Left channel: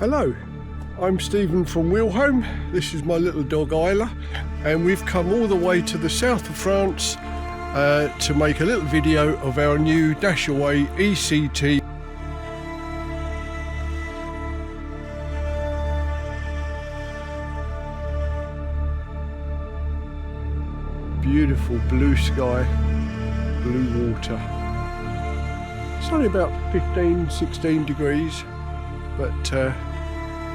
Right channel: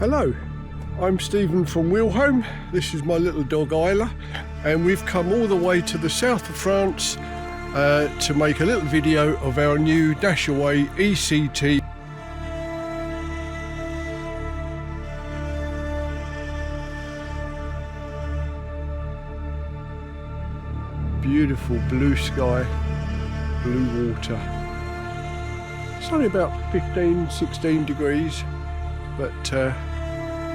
Hello, I'm Stephen from Wheelhome. This is my little dog Isla, and we've come all the way to the south of France to make a little video of our new Dashaway eCT. Beautiful blue sky, blue water. It's only about 15-16 degrees, but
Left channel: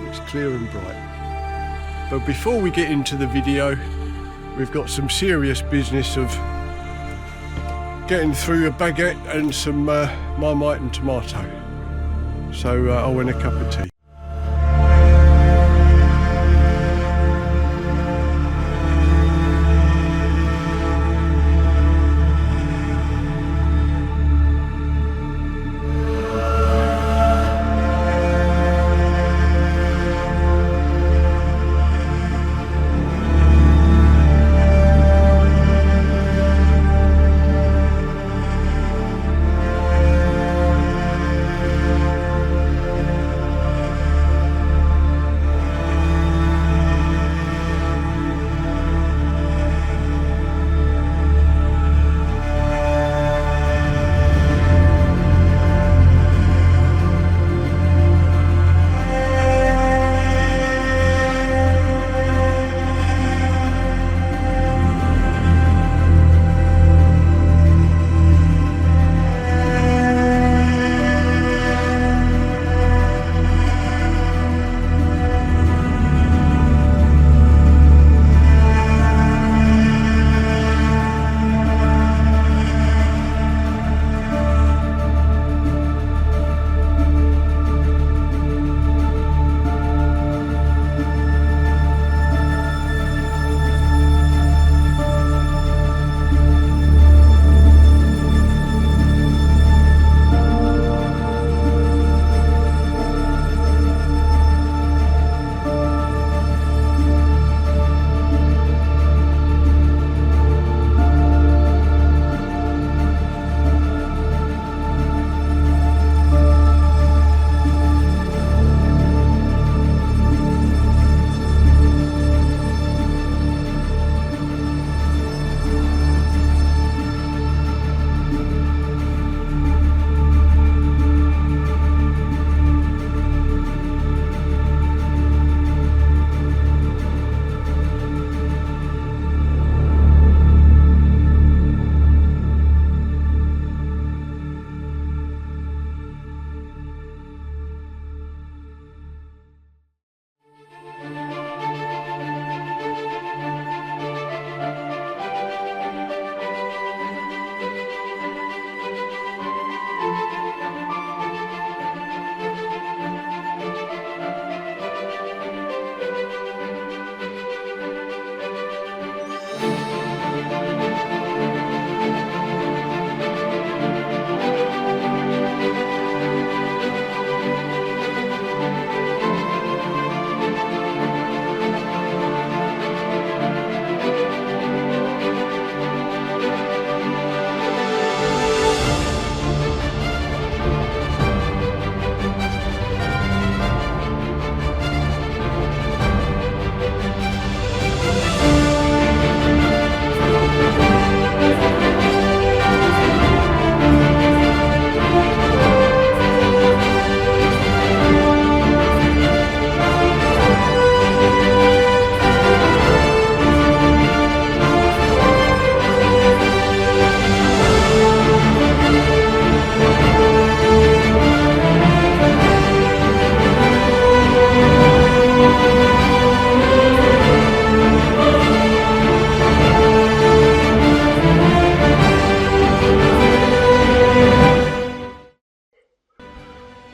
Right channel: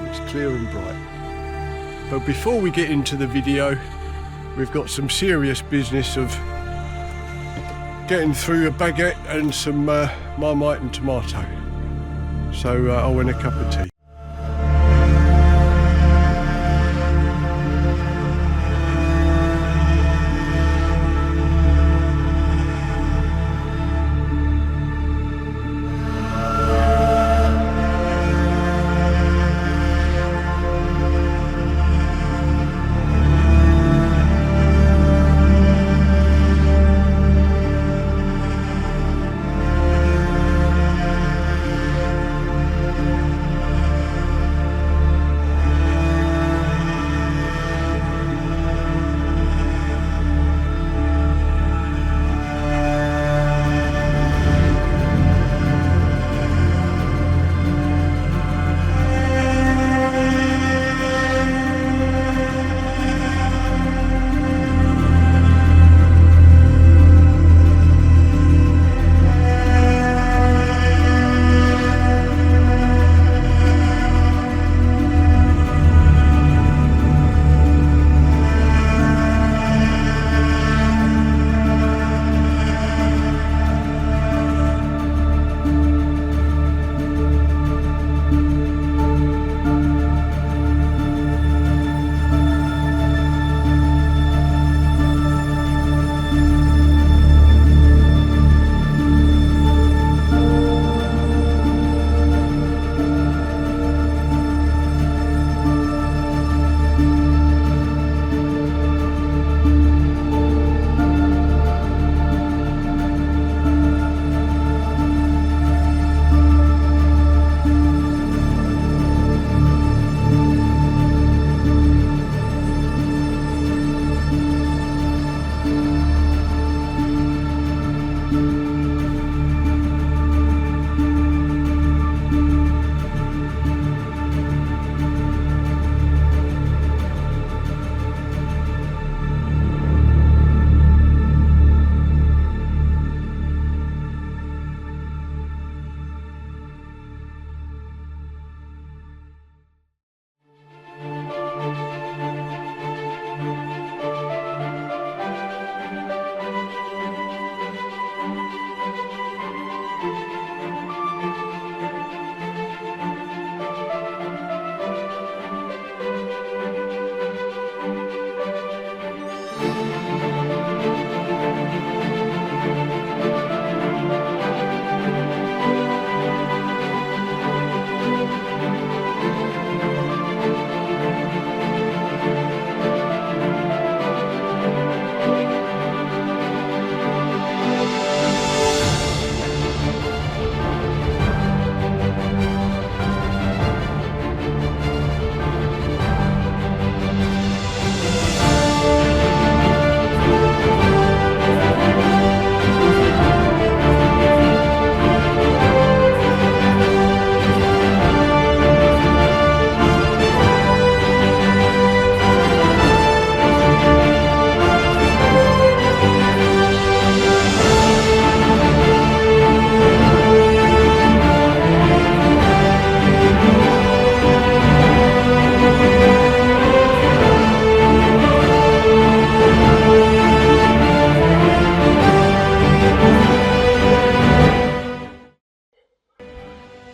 it's clear and bright. But before we get into the video, we've got some serious business of getting through a baguette and some Marmite and tomato. So I want a cup of tea.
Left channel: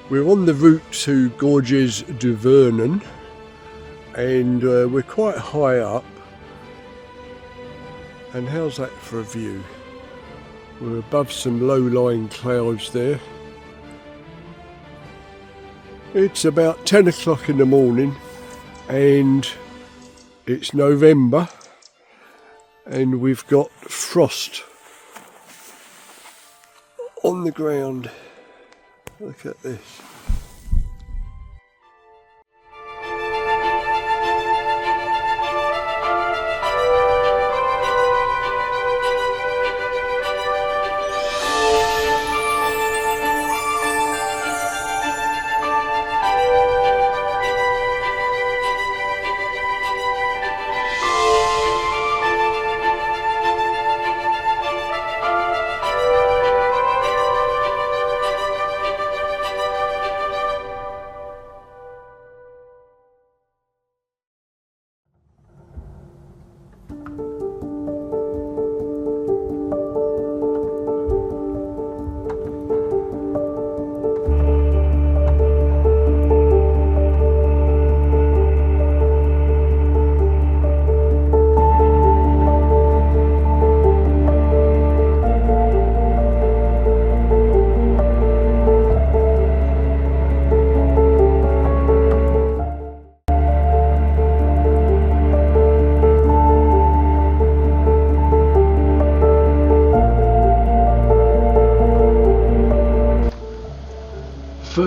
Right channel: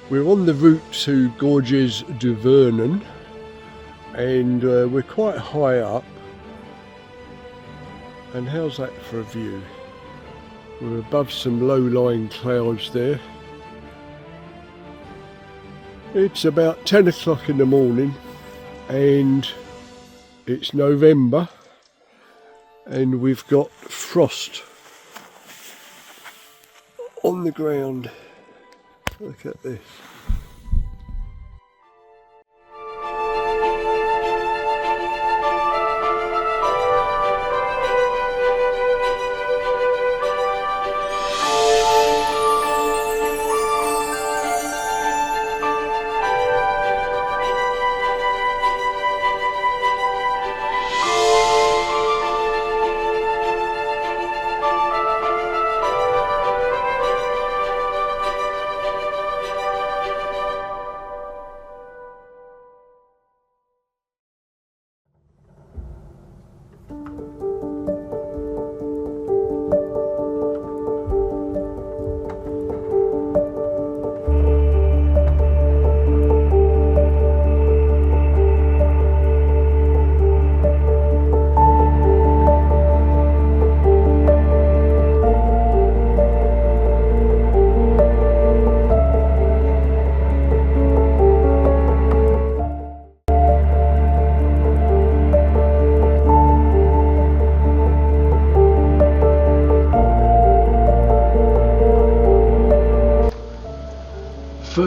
We're on the route to Gorges du Vernon, and we're quite high up. And how's that for a view? We're above some low-lying clouds there. It's about 10 o'clock in the morning, and it's November, and we've got frost on the ground. Look at this.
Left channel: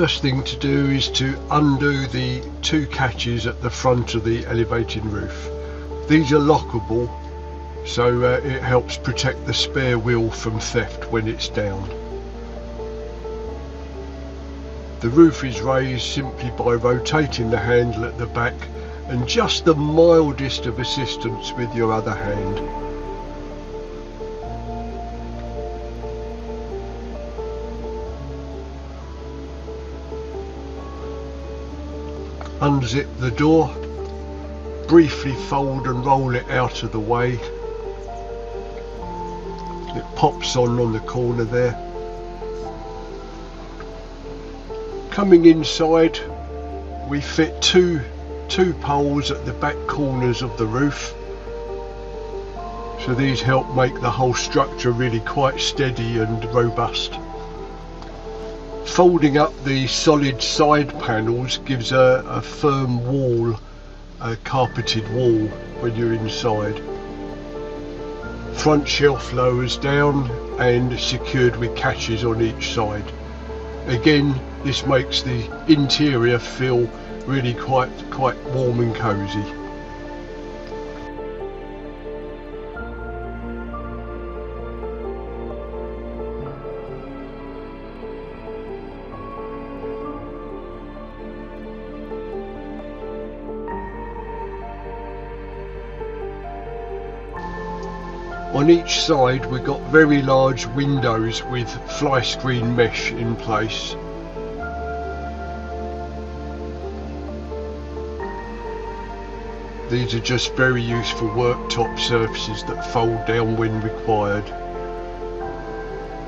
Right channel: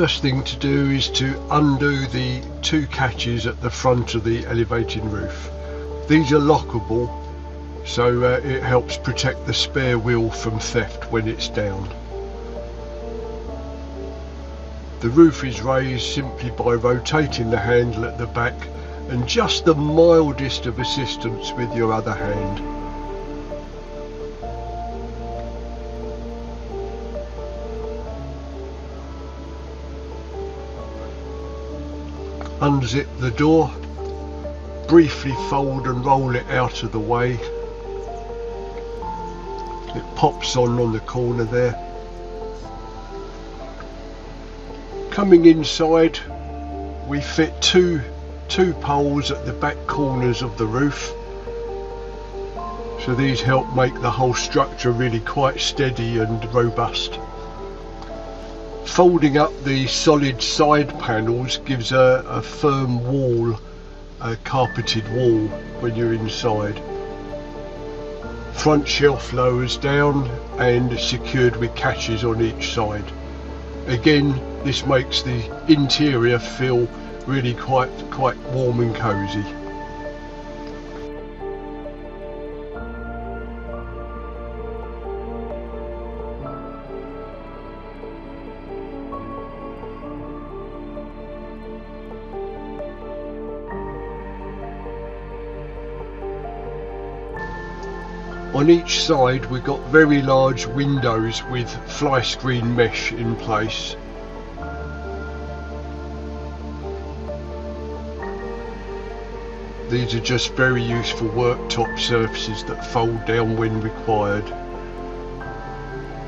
first thing to do is to undo the two catches at the front of the elevating roof. These are lockable, so it helps protect the spare wheel from theft when it's down. The roof is raised simply by rotating the handle at the back and just the mildest of assistance with your other hand. Unzip the door, briefly fold and roll it out of the way. It pops on the corner there. Coming inside, we fit two poles at the back corners of the roof. So these help make the whole structure really quite steady and robust. Folding up the solid side panels gives a firm wall, a carpeted wall when you're inside. Front shelf lowers down and secured with catches on each side. Again, this makes the interior feel really quite warm and cosy. On each side we've got very large windows with fly screen mesh in place. These are just very useful worktop surfaces that fold down when required.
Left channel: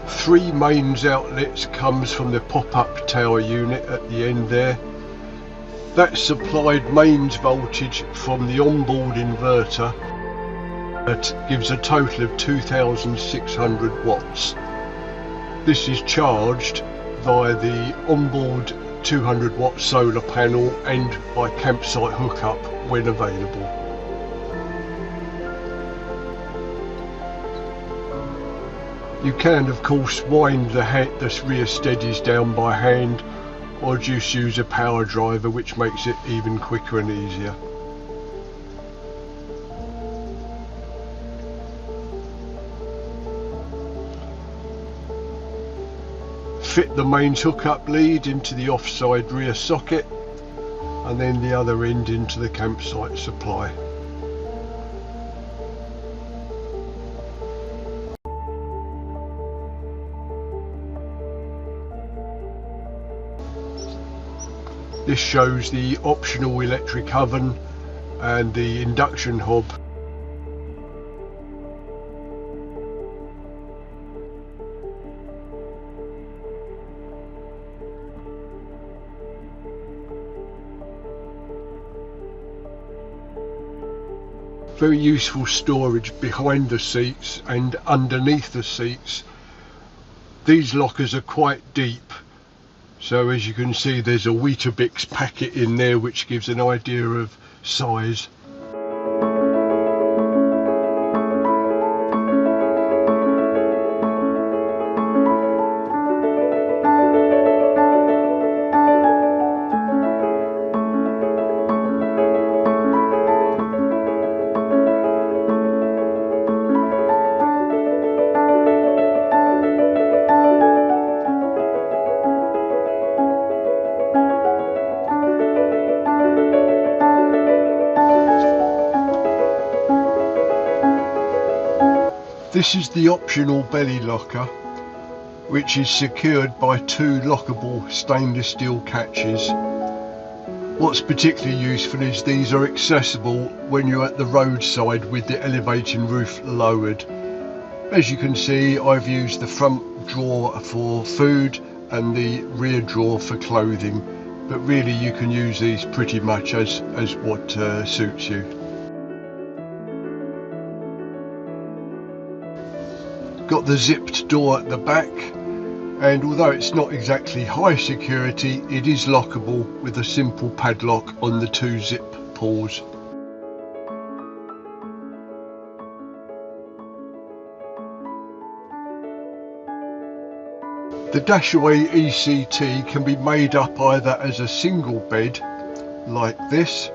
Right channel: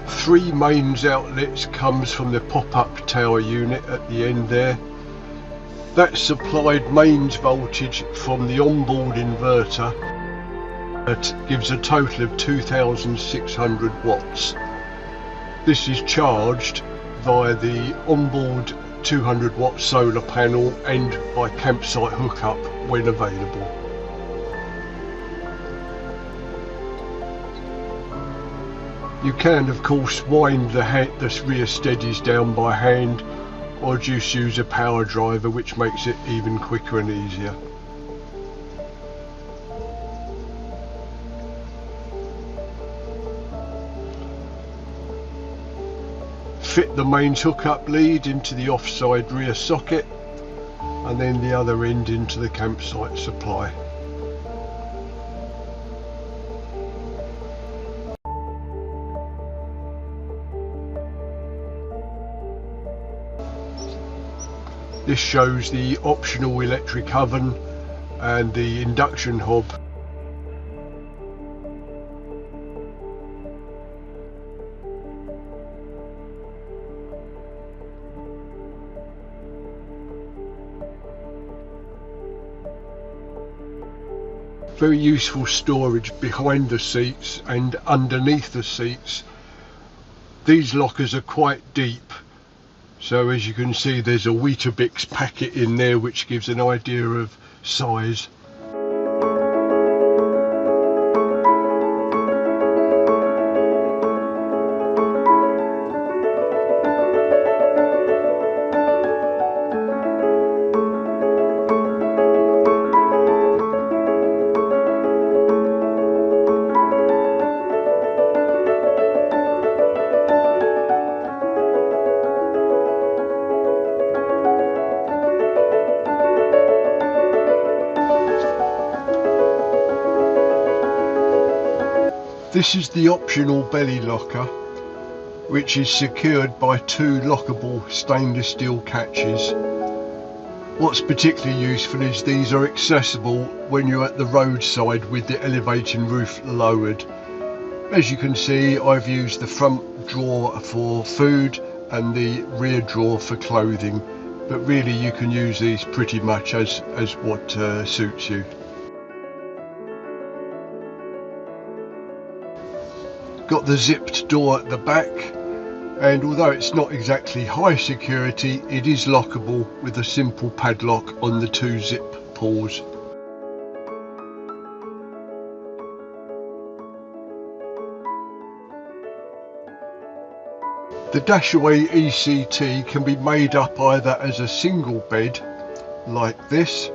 3 mains outlets comes from the pop-up tower unit at the end there. That supplied mains voltage from the onboard inverter. That gives a total of 2,600 watts. This is charged via the onboard 200 watt solar panel and by campsite hookup when available. You can of course wind the rear steadies down by hand or just use a power driver, which makes it even quicker and easier. Fit the mains hookup lead into the offside rear socket and then the other end into the campsite supply. This shows the optional electric oven and the induction hob. Very useful storage behind the seats and underneath the seats. These lockers are quite deep, so as you can see there's a Weetabix packet in there which gives an idea of size. This is the optional belly locker, which is secured by 2 lockable stainless steel catches. What's particularly useful is these are accessible when you're at the roadside with the elevating roof lowered. As you can see, I've used the front drawer for food and the rear drawer for clothing, but really you can use these pretty much as what suits you. Got the zipped door at the back, and although it's not exactly high security, it is lockable with a simple padlock on the 2 zip pulls. The Dashaway eCT can be made up either as a single bed like this,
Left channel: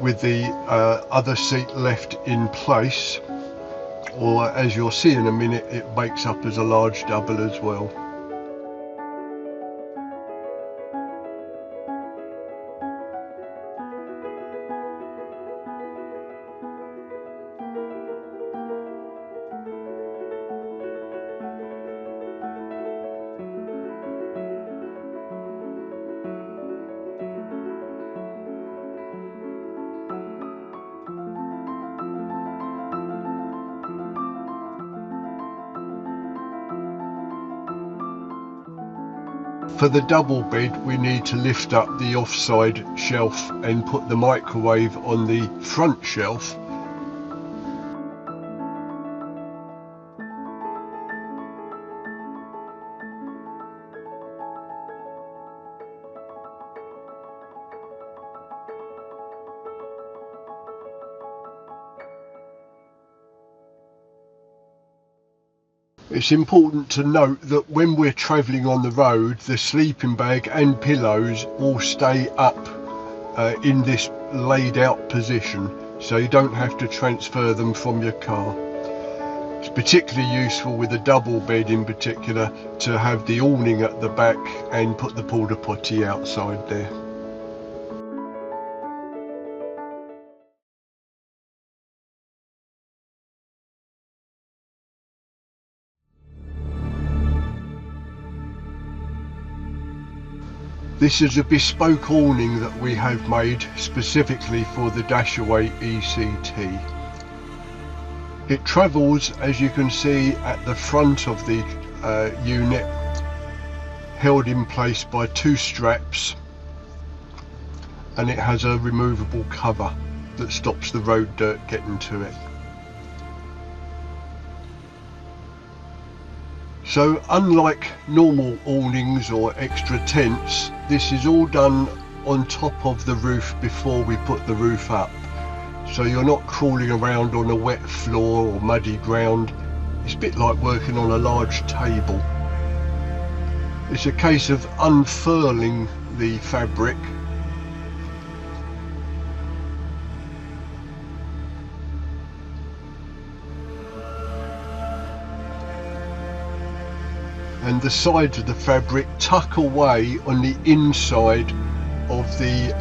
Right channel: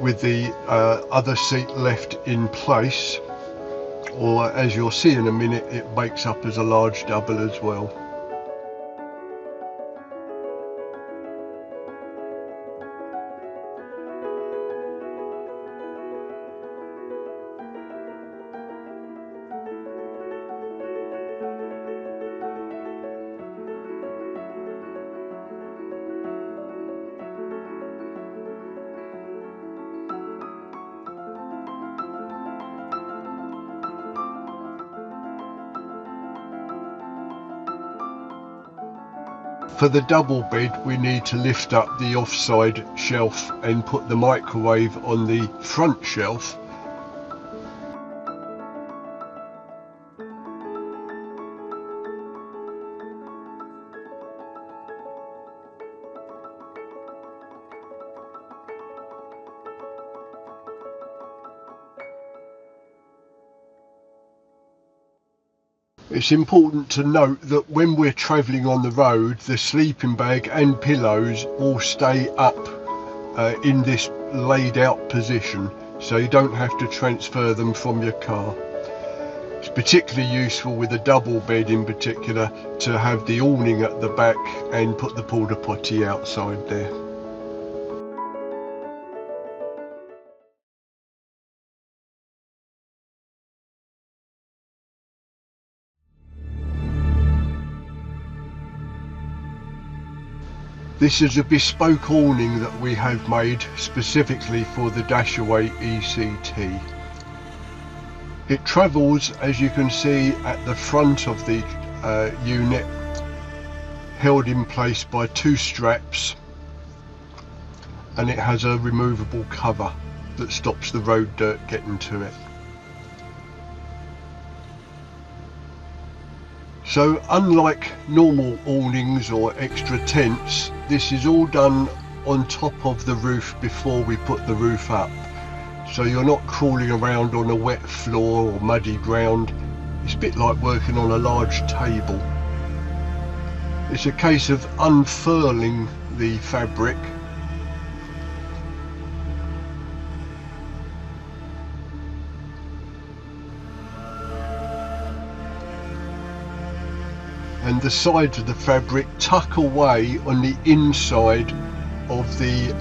with the other seat left in place, or as you'll see in a minute, it makes up as a large double as well. For the double bed, we need to lift up the offside shelf and put the microwave on the front shelf. It's important to note that when we're travelling on the road, the sleeping bag and pillows all stay up in this laid out position, so you don't have to transfer them from your car. It's particularly useful with a double bed in particular to have the awning at the back and put the Porta Potti outside there. This is a bespoke awning that we have made specifically for the Dashaway eCT. It travels, as you can see, at the front of the unit, held in place by two straps, and it has a removable cover that stops the road dirt getting to it. So unlike normal awnings or extra tents, this is all done on top of the roof before we put the roof up. So you're not crawling around on a wet floor or muddy ground. It's a bit like working on a large table. It's a case of unfurling the fabric and the sides of the fabric tuck away on the inside of the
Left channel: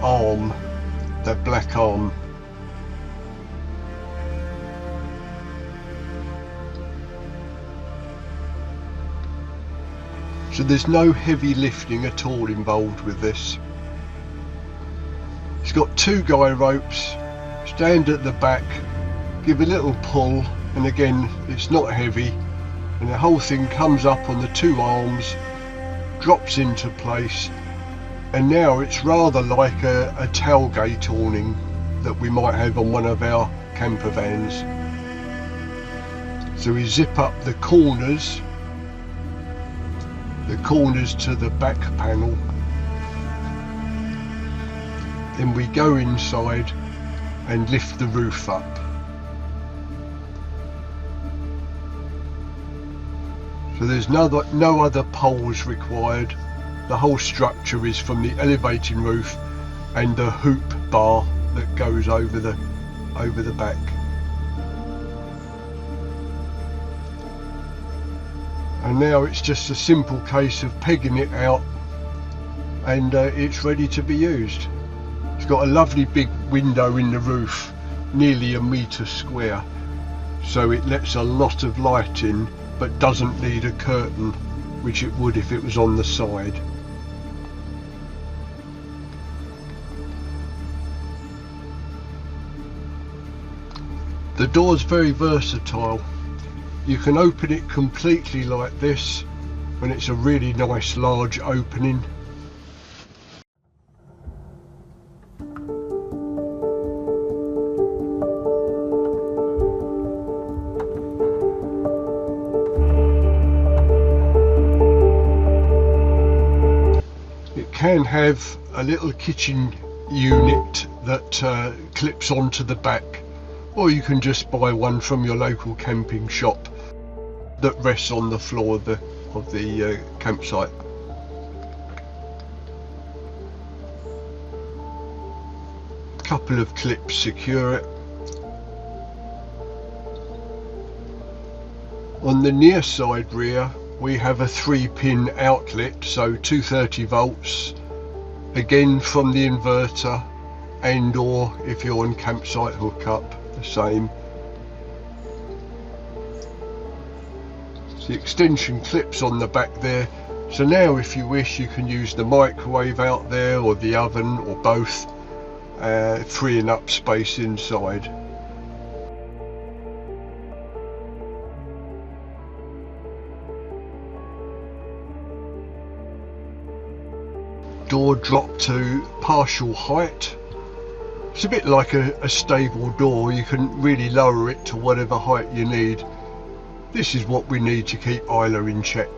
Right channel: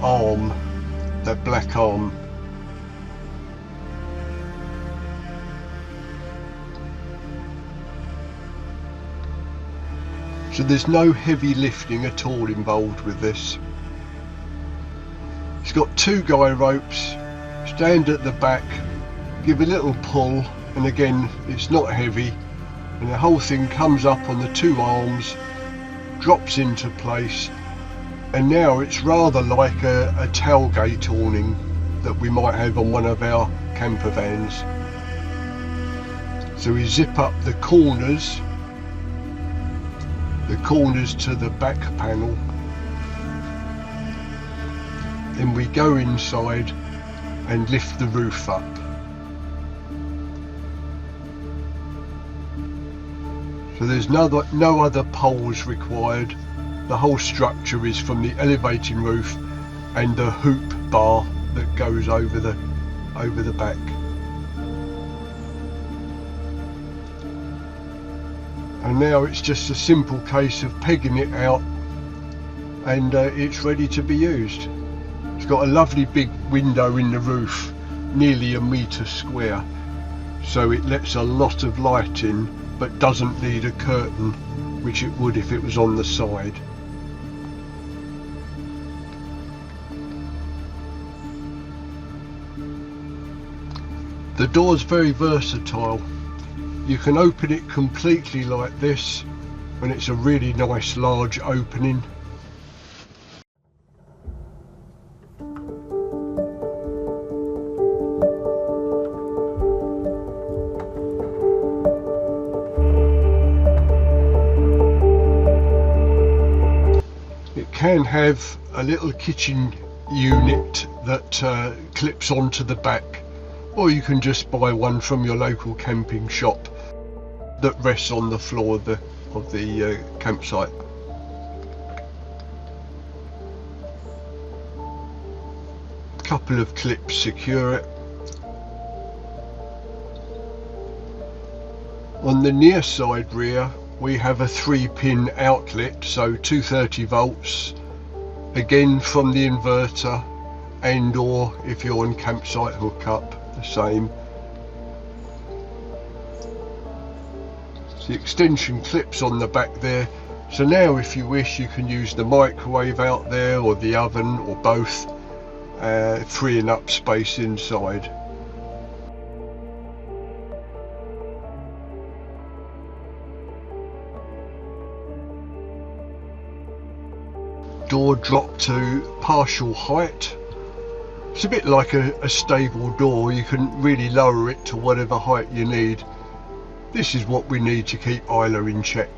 arm, that black arm. So there's no heavy lifting at all involved with this. It's got two guy ropes, stand at the back, give a little pull, and again it's not heavy. And the whole thing comes up on the two arms, drops into place, and now it's rather like a tailgate awning that we might have on one of our camper vans. So we zip up the corners to the back panel, then we go inside and lift the roof up. So there's no other poles required. The whole structure is from the elevating roof and the hoop bar that goes over the back. And now it's just a simple case of pegging it out, and it's ready to be used. It's got a lovely big window in the roof, nearly 1 metre square, so it lets a lot of light in, but doesn't need a curtain, which it would if it was on the side. The door's very versatile. You can open it completely like this when it's a really nice large opening. Can have a little kitchen unit that clips onto the back, or you can just buy one from your local camping shop that rests on the floor of the campsite. Couple of clips secure it. On the near side rear we have a 3-pin outlet, so 230 volts, again from the inverter, and or if you're on campsite hookup, the same. The extension clips on the back there, so now if you wish you can use the microwave out there or the oven or both, freeing up space inside. Door drop to partial height. It's a bit like a stable door, you can really lower it to whatever height you need. This is what we need to keep Isla in check.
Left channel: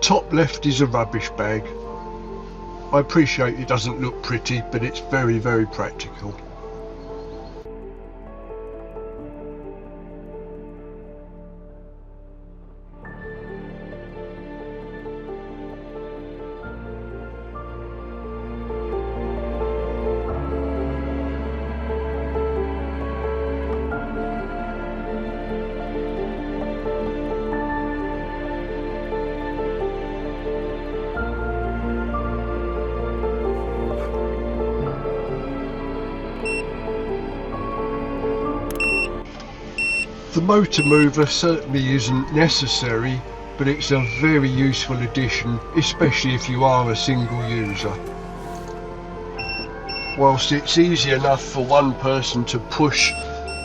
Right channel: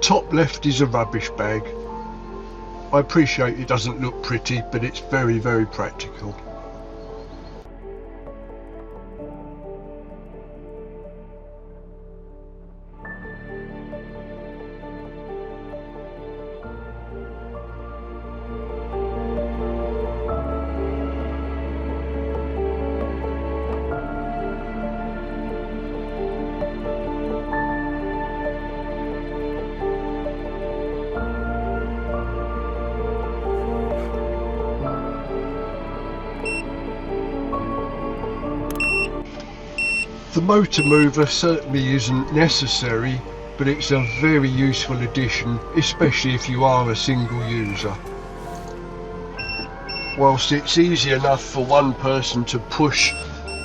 Top left is a rubbish bag. I appreciate it doesn't look pretty, but it's very, very practical. The motor mover certainly isn't necessary, but it's a very useful addition, especially if you are a single user. Whilst it's easy enough for one person to push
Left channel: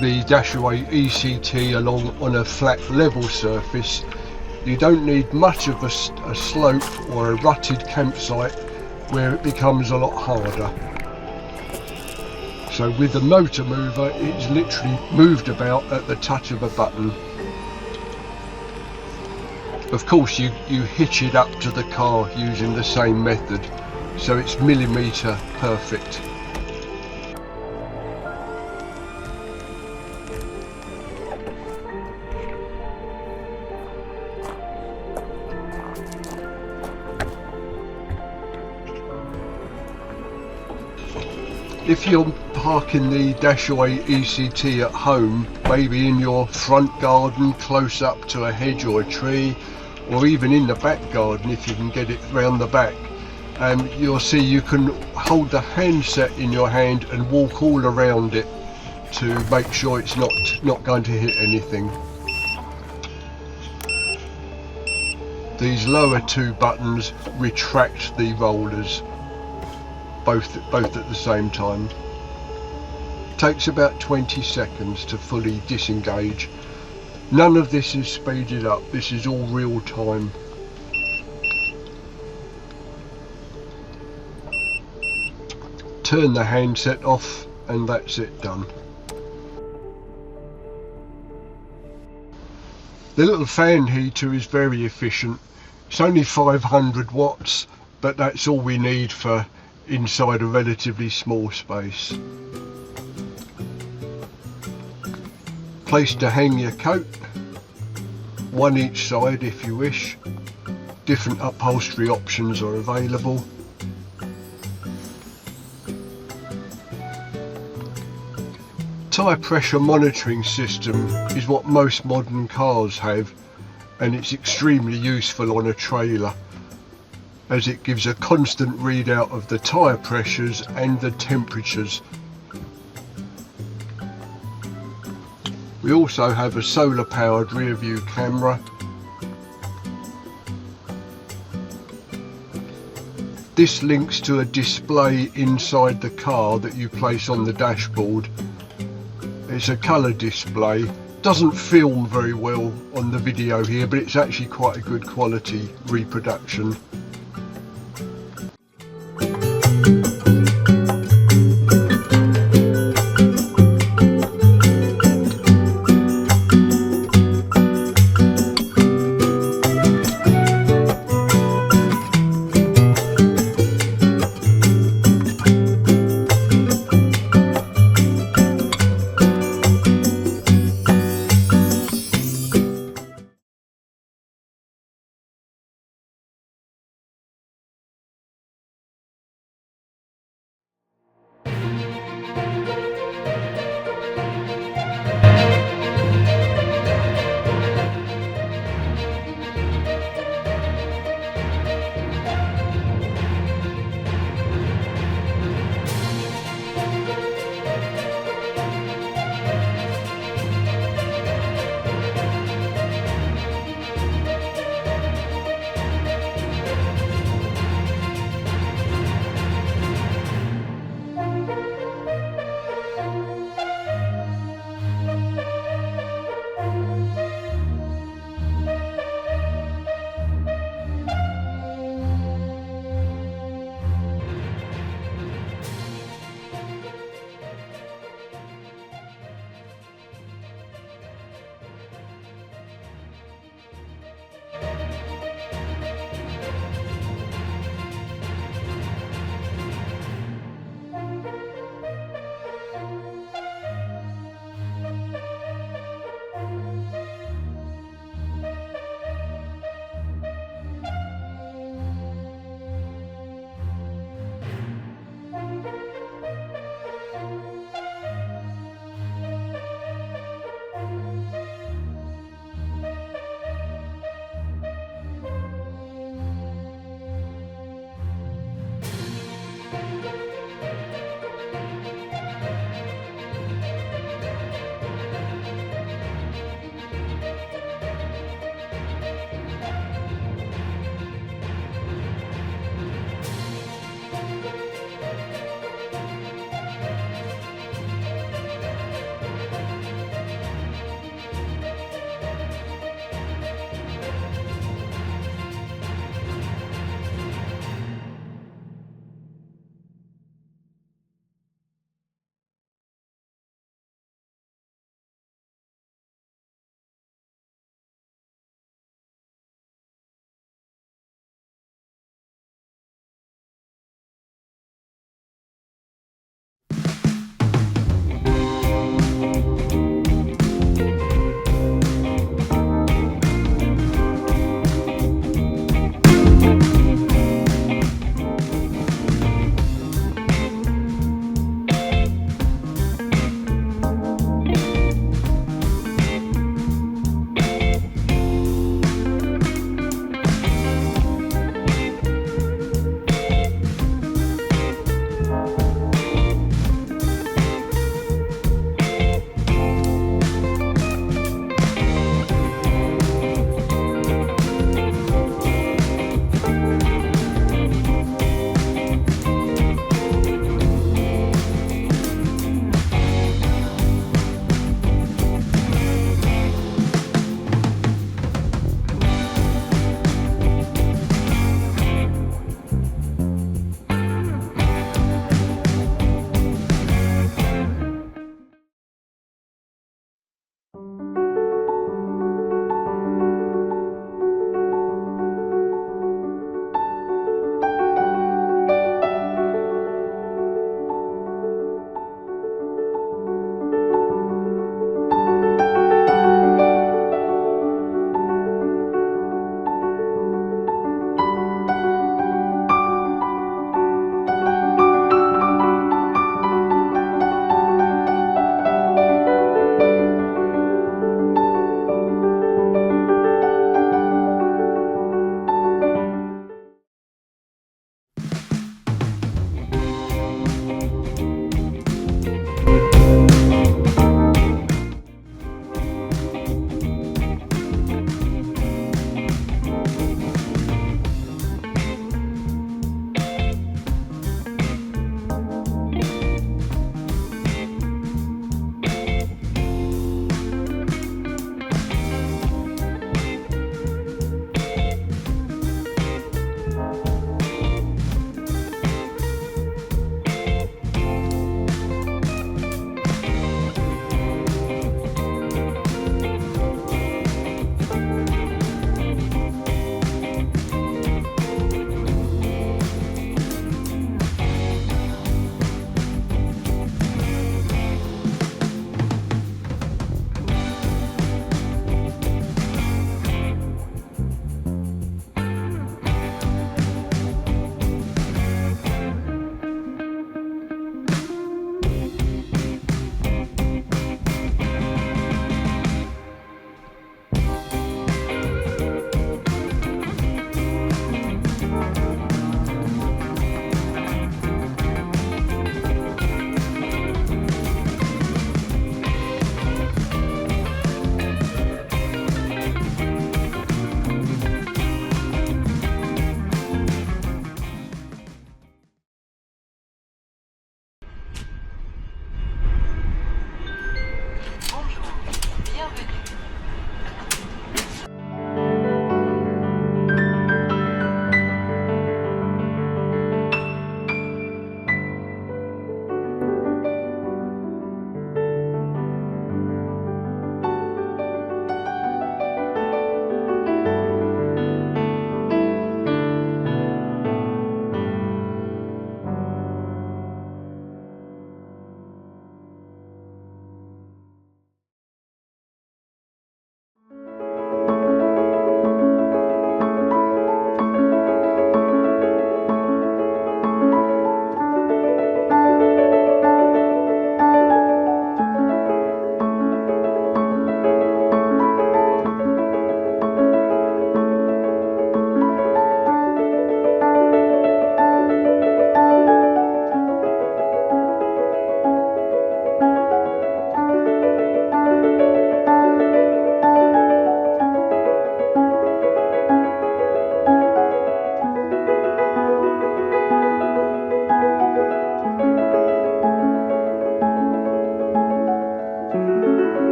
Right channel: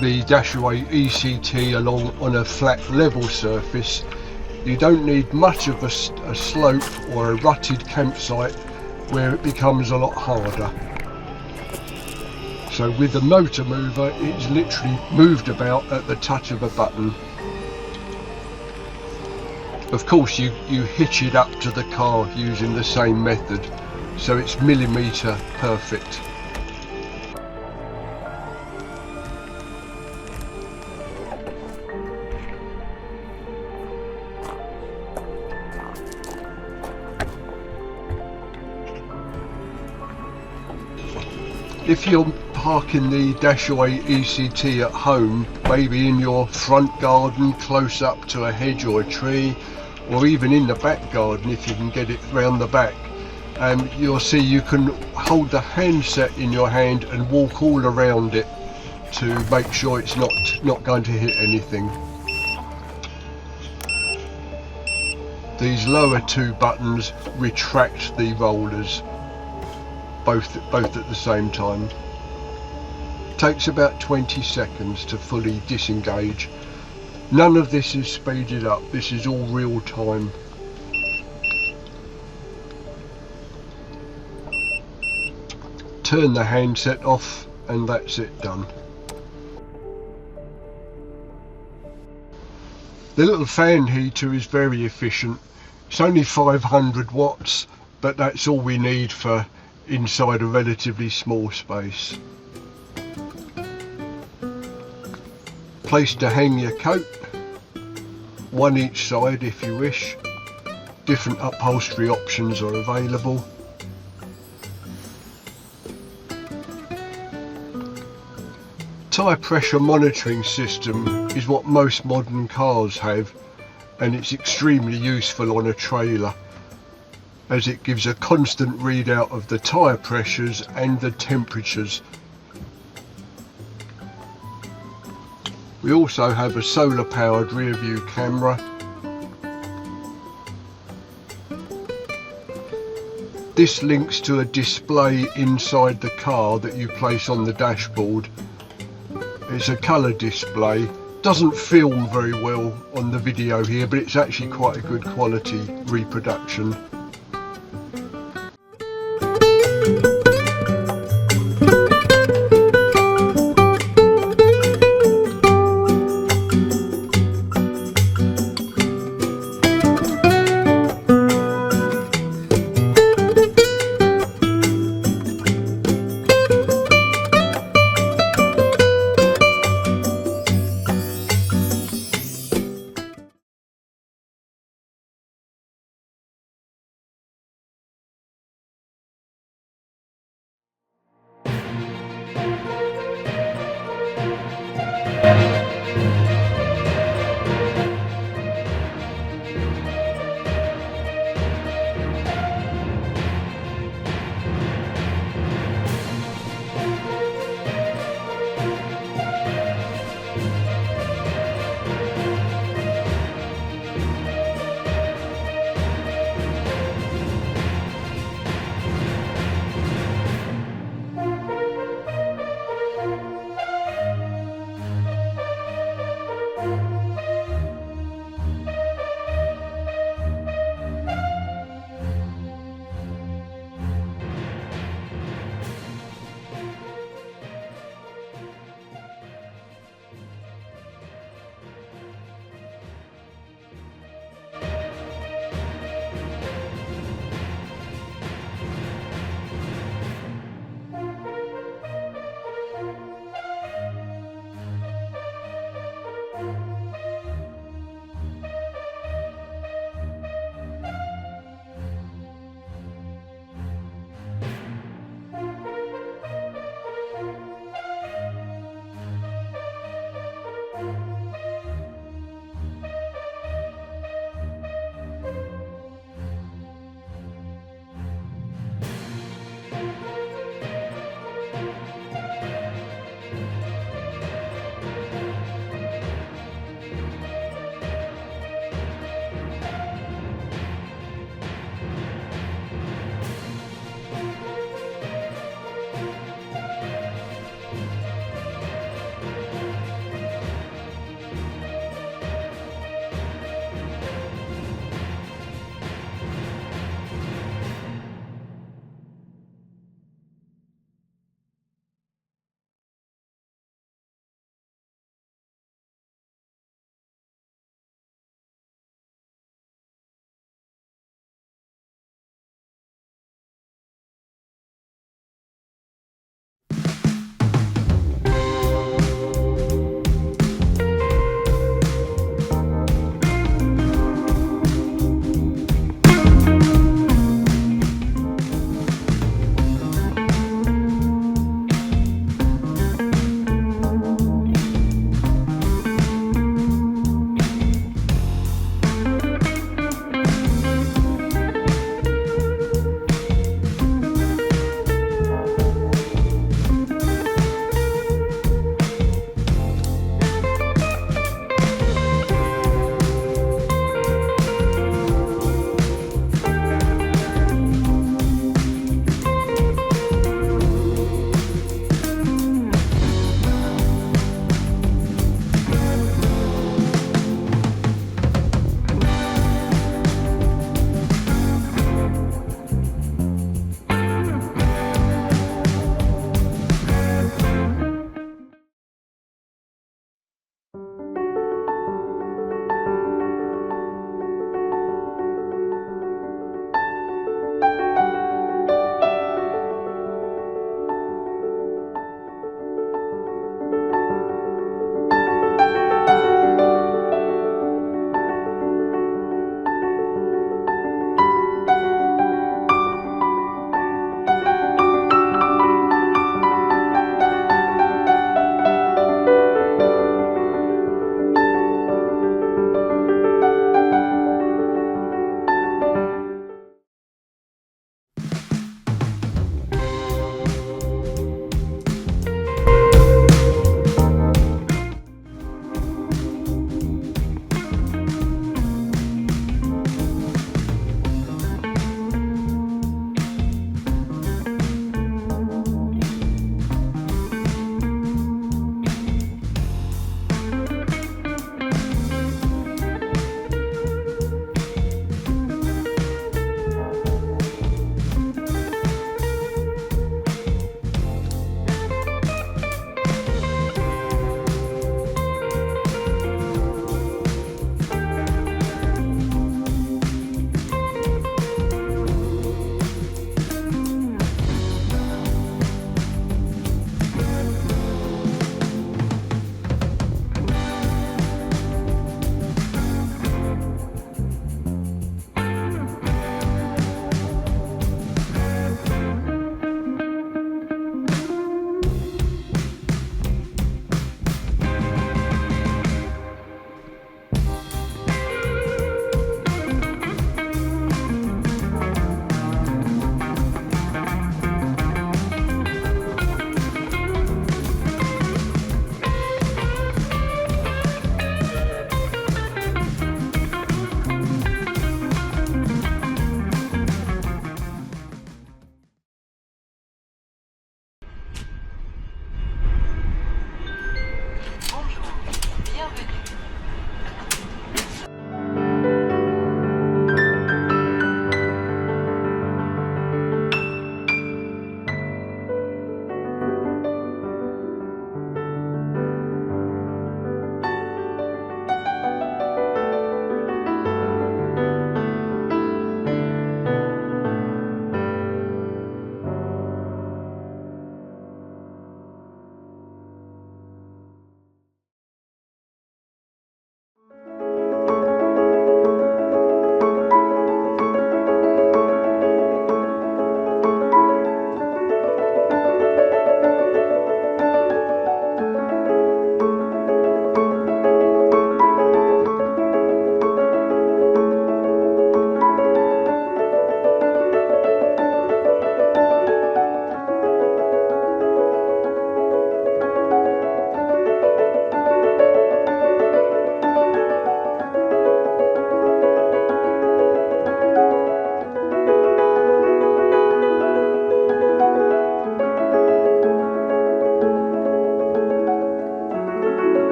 the Dashaway eCT along on a flat level surface, you don't need much of a slope or a rutted campsite where it becomes a lot harder. So with the motor mover, it's literally moved about at the touch of a button. Of course you hitch it up to the car using the same method, so it's millimetre perfect. If you're parking the Dashaway eCT at home, maybe in your front garden close up to a hedge or a tree, or even in the back garden if you can get it round the back, you'll see you can hold the handset in your hand and walk all around it to make sure it's not going to hit anything. These lower two buttons retract the rollers, both at the same time. Takes about 20 seconds to fully disengage. None of this is speeded up, this is all real time. Turn the handset off and that's it done. The little fan heater is very efficient. It's only 500 watts, but that's all we need for inside a relatively small space. Place to hang your coat, one each side if you wish. Different upholstery options are available. Tyre pressure monitoring system is what most modern cars have, and it's extremely useful on a trailer, as it gives a constant readout of the tyre pressures and the temperatures. We also have a solar powered rear view camera. This links to a display inside the car that you place on the dashboard. It's a colour display. Doesn't film very well on the video here, but it's actually quite a good quality reproduction.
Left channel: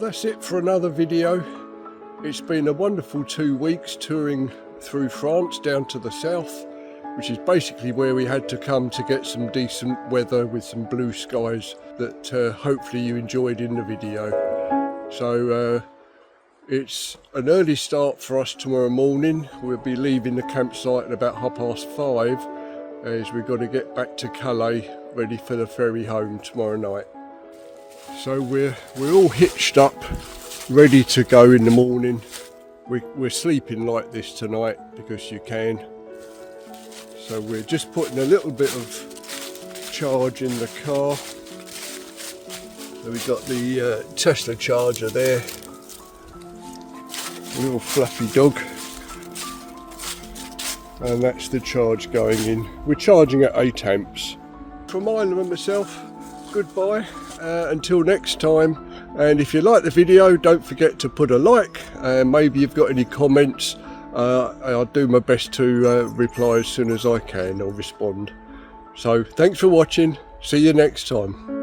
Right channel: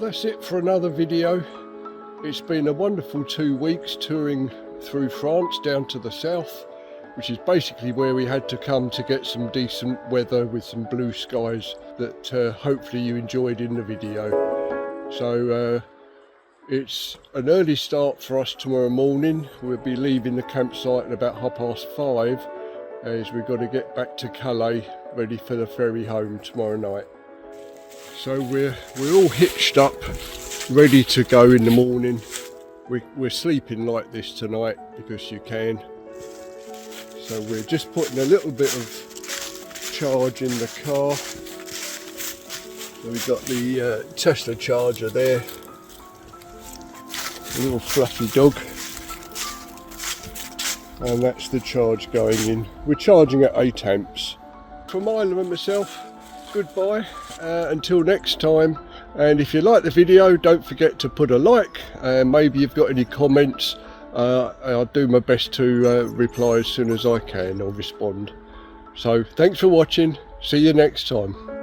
that's it for another video. It's been a wonderful 2 weeks touring through France down to the south, which is basically where we had to come to get some decent weather with some blue skies that hopefully you enjoyed in the video. So it's an early start for us tomorrow morning. We'll be leaving the campsite at about 5:30 as we've got to get back to Calais ready for the ferry home tomorrow night. So we're all hitched up, ready to go in the morning. We're sleeping like this tonight because you can. So we're just putting a little bit of charge in the car. So we've got the Tesla charger there, a little fluffy dog, and that's the charge going in. We're charging at 8 amps. From Ireland and myself, goodbye until next time. And if you like the video, don't forget to put a like, and maybe you've got any comments. I'll do my best to reply as soon as I can or respond. So thanks for watching, see you next time.